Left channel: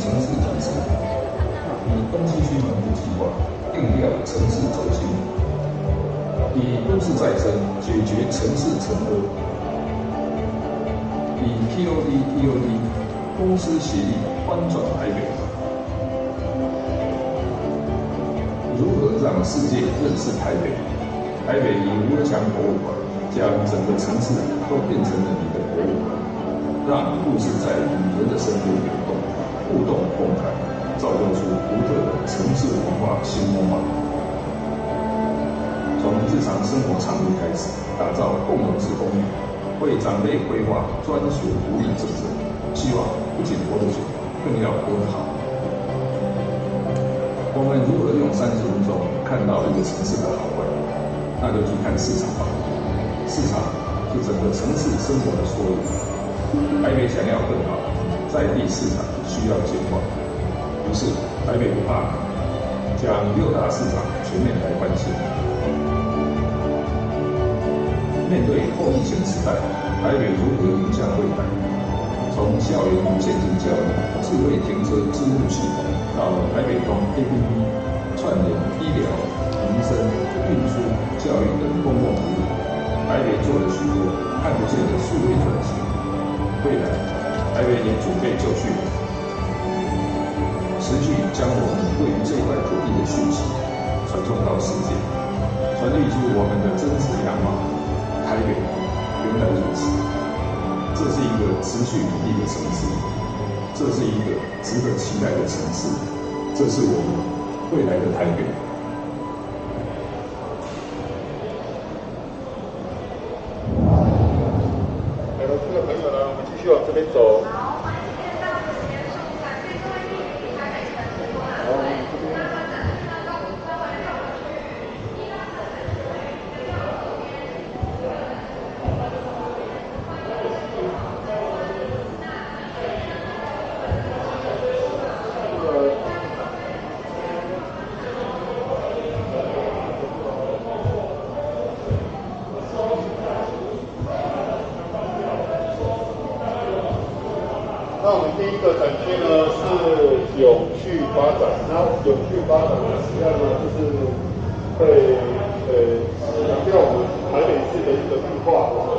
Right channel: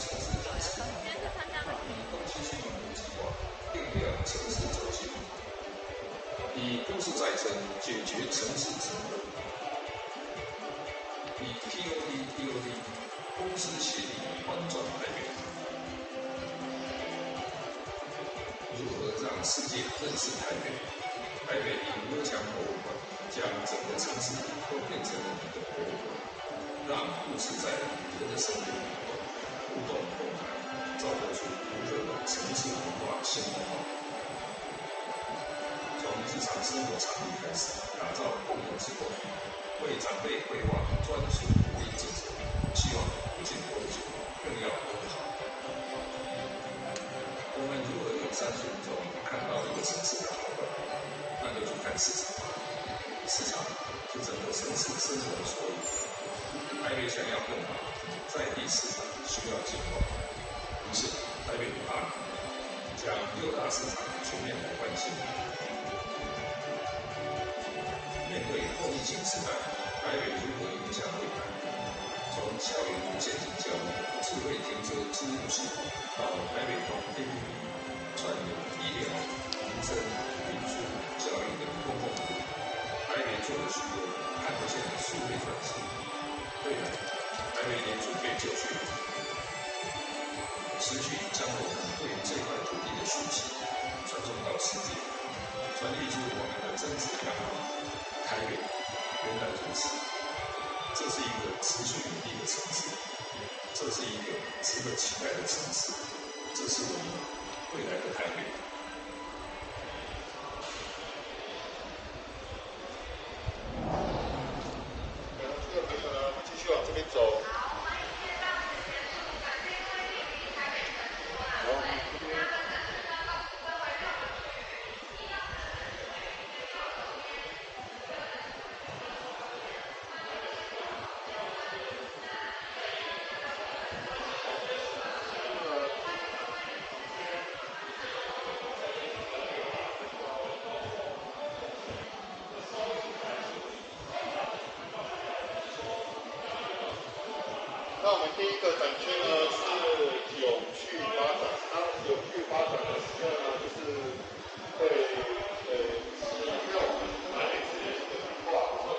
城市体制，以东西区门户计划定调城市轴心，以都市再生解决城市沉沦，以 TOD 公私协力翻转台北。如何让世界认识台北？台北以吴尔强博物馆将整个城市都变成了你的博物馆，让故事在旅人的身边流动，互动共谈，造就出独特的城市文化新风貌。从日常生活场域开始，打造共融式公寓，为长辈规划专属福利政策，希望不仅活得久，更要活得好。我们如何用30分钟看到一个城市的好坏？那就去看市场吧。市场是整个城市生活的缩影。台北想要更好，在地市场需要简化。于是台北不怕将6大市场全面来翻新。面对后疫情时代，台北如何迎向未来？从校园渐进教育、智慧停车支付系统，到台北通 APP 串联医疗、民生、运输、教育等公共服务，台北做了许多看不见的数位转型。未来，台北也准备就绪了，持续将我们对于这块土地的讯息传送到世界，传递出我们的真实样貌。台北原来如此，这是一个持续努力的城市，这是一个值得期待的城市，这是我们未来的台北。有这个朋友呢，我们继续往这边走。那我们第一个展区呢是永续发展，那永续发展的实际上呢就是会强调我们台北市的一个绿化。那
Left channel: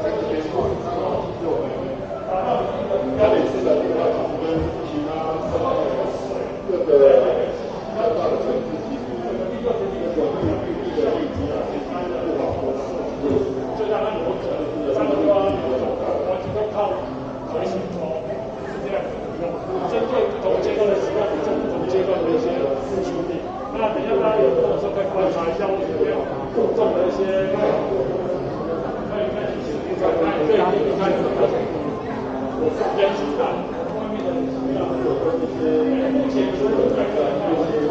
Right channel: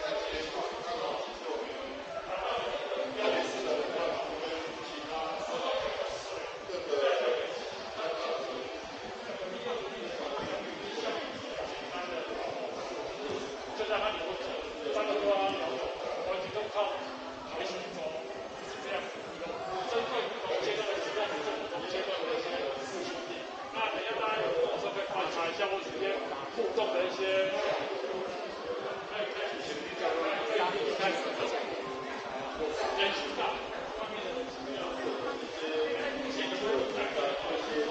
在这边是我们台北市的绿化跟其他各个大的城市其实这个绿地的面积啊，其实不好说。就像那个我可能是三个靠回行轴是这样子用，针对不同阶段的使用者，不同阶段的一些事情力。那等一下大家有空的时候可以观察一下我这边互动的一些，可以看一些这一开始的我是编辑的，外面的什么样的一些目前就是改善一些。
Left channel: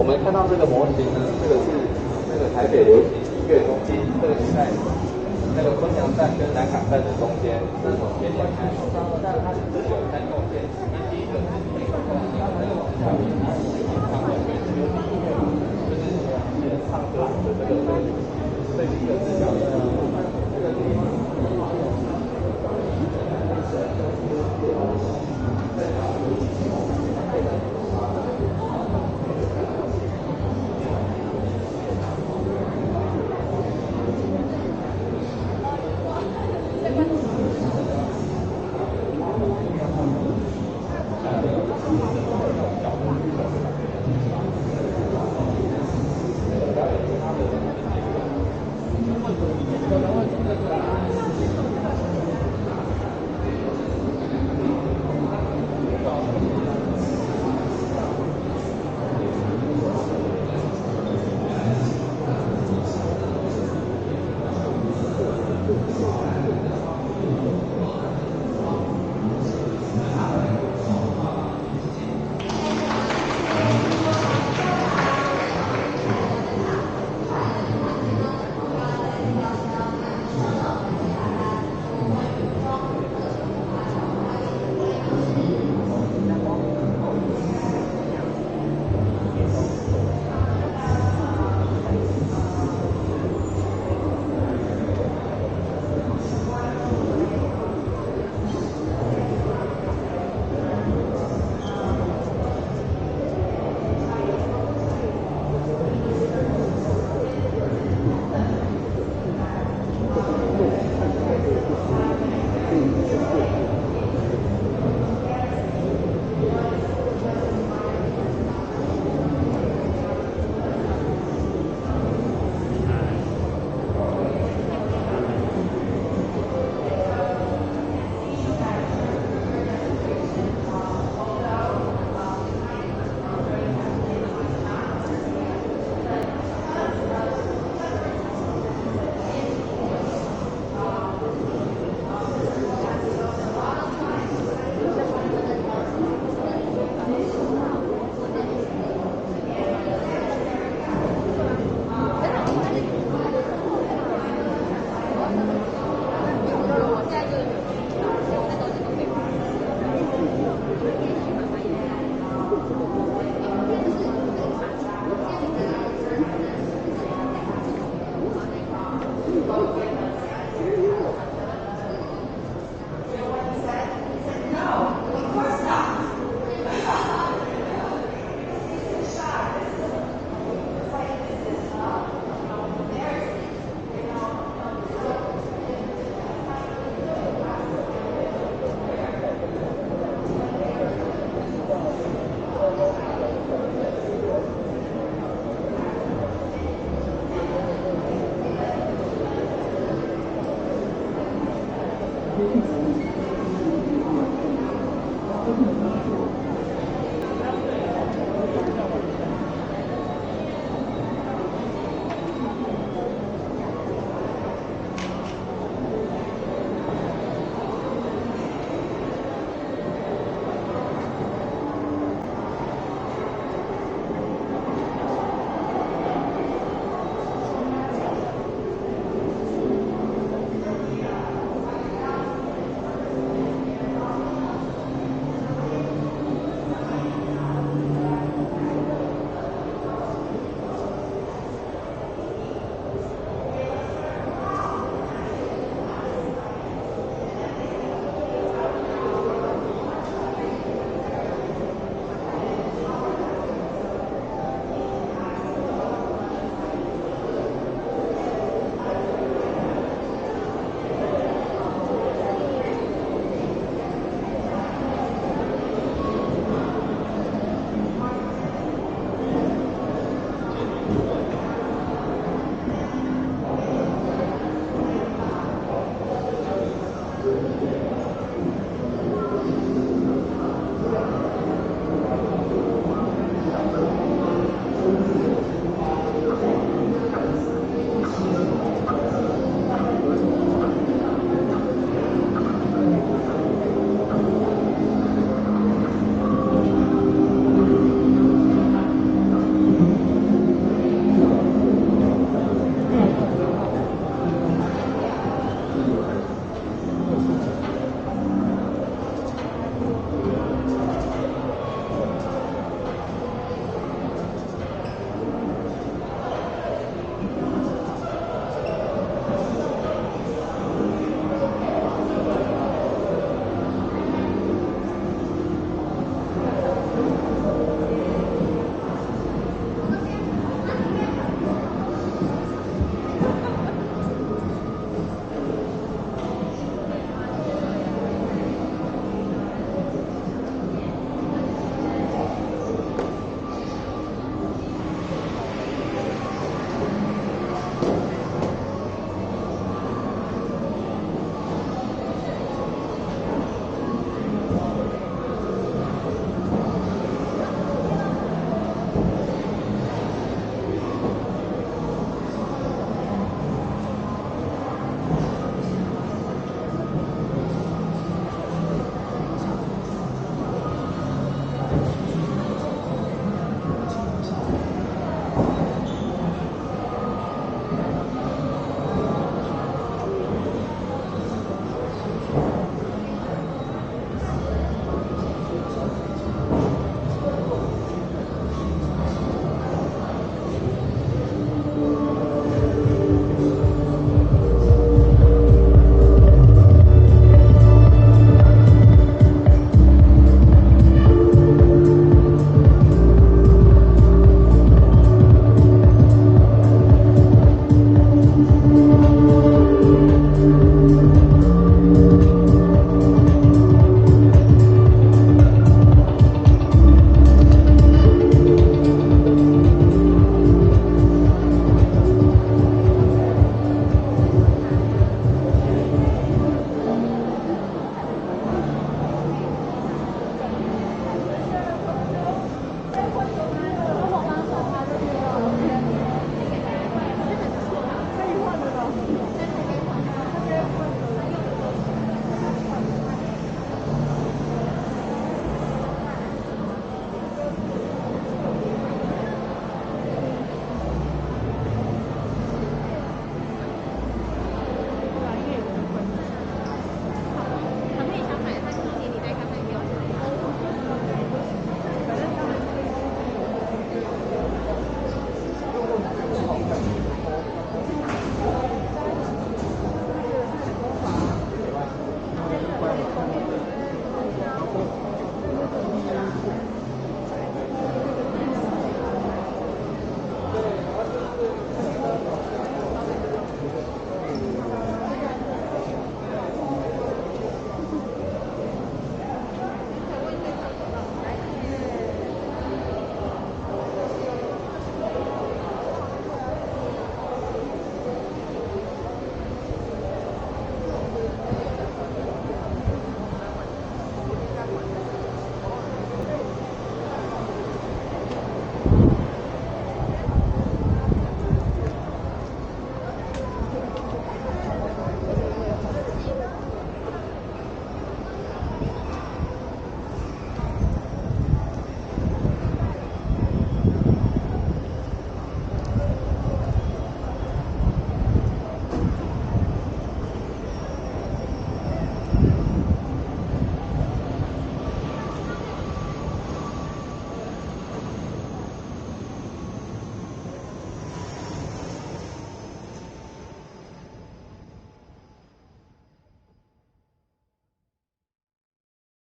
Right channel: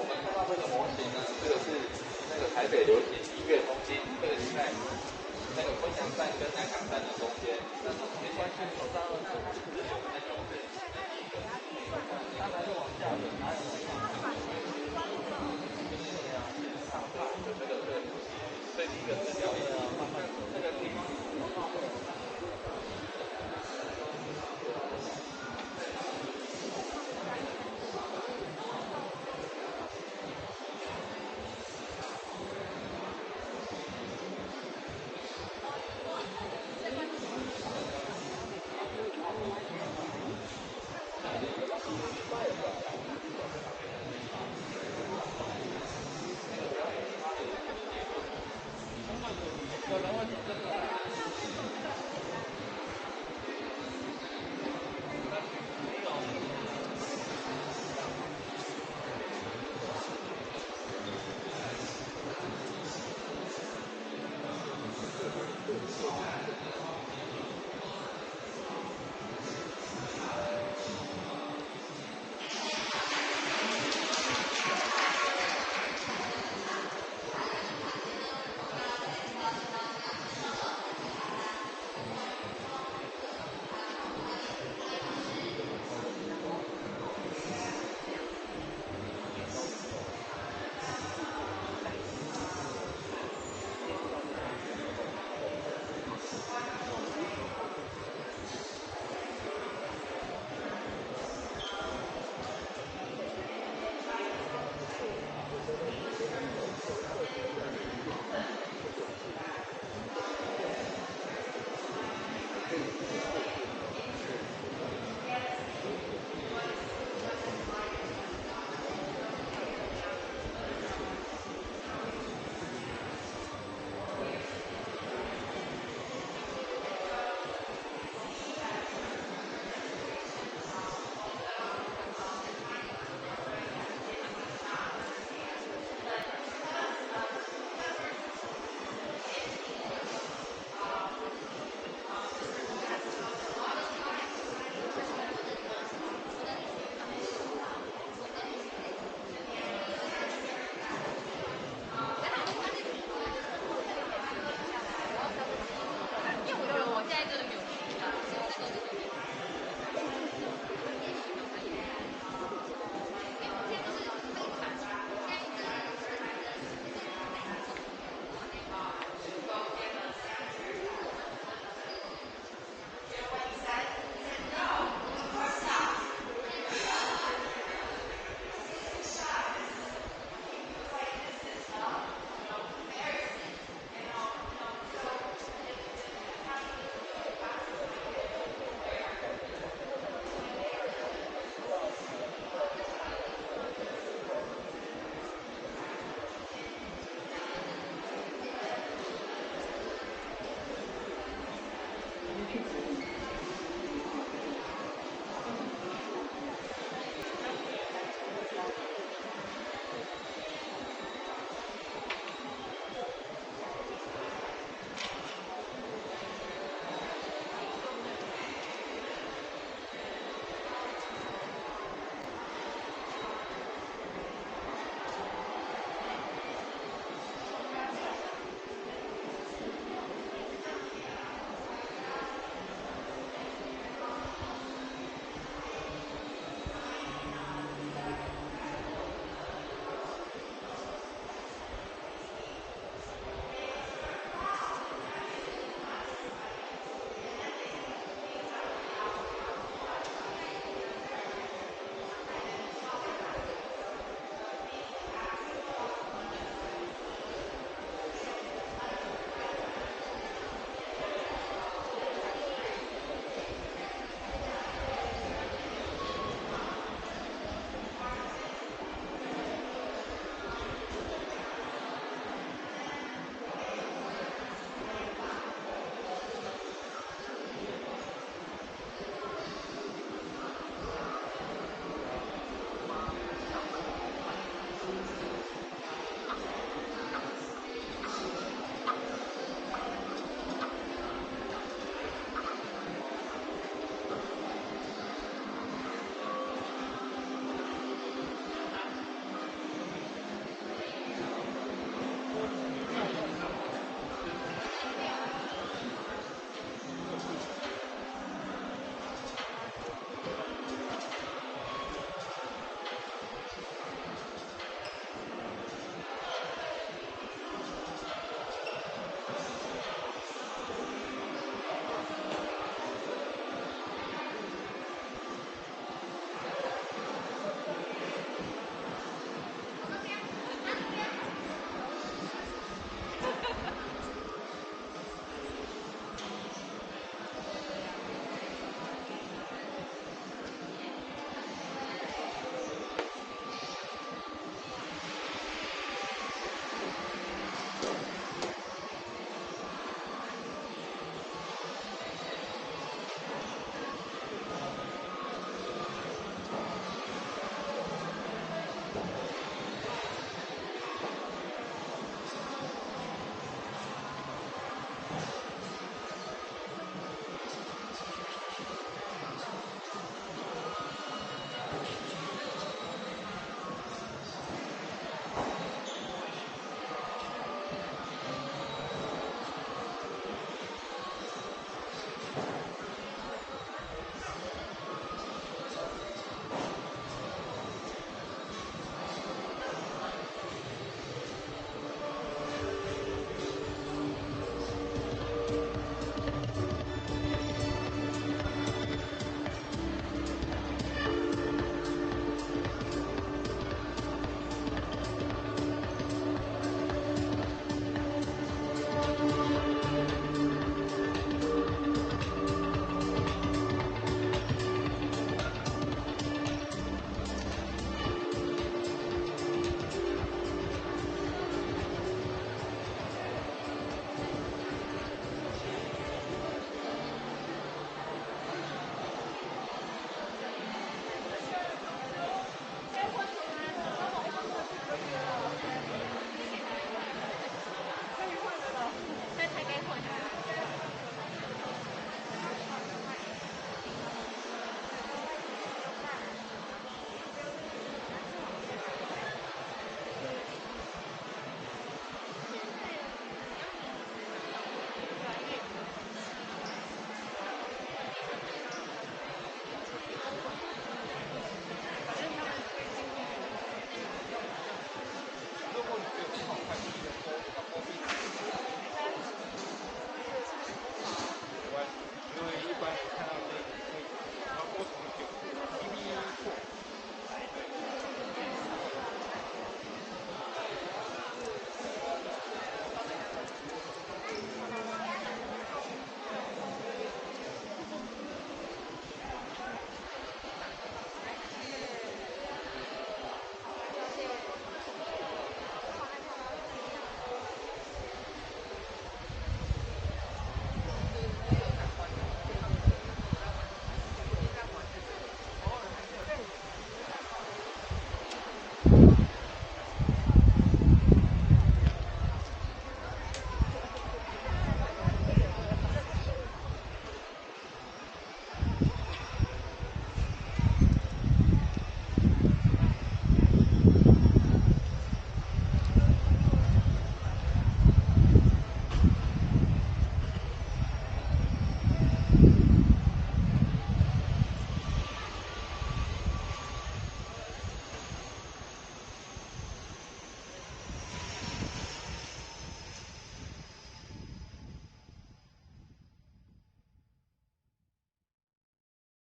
我们看到这个模型呢，这个是那个台北流行音乐中心，这个是在那个昆阳站跟南港站的中间，那从前面开，但是它是有3栋电梯，第一个是那个唱法的这个，这第一个是叫这个 Thank you.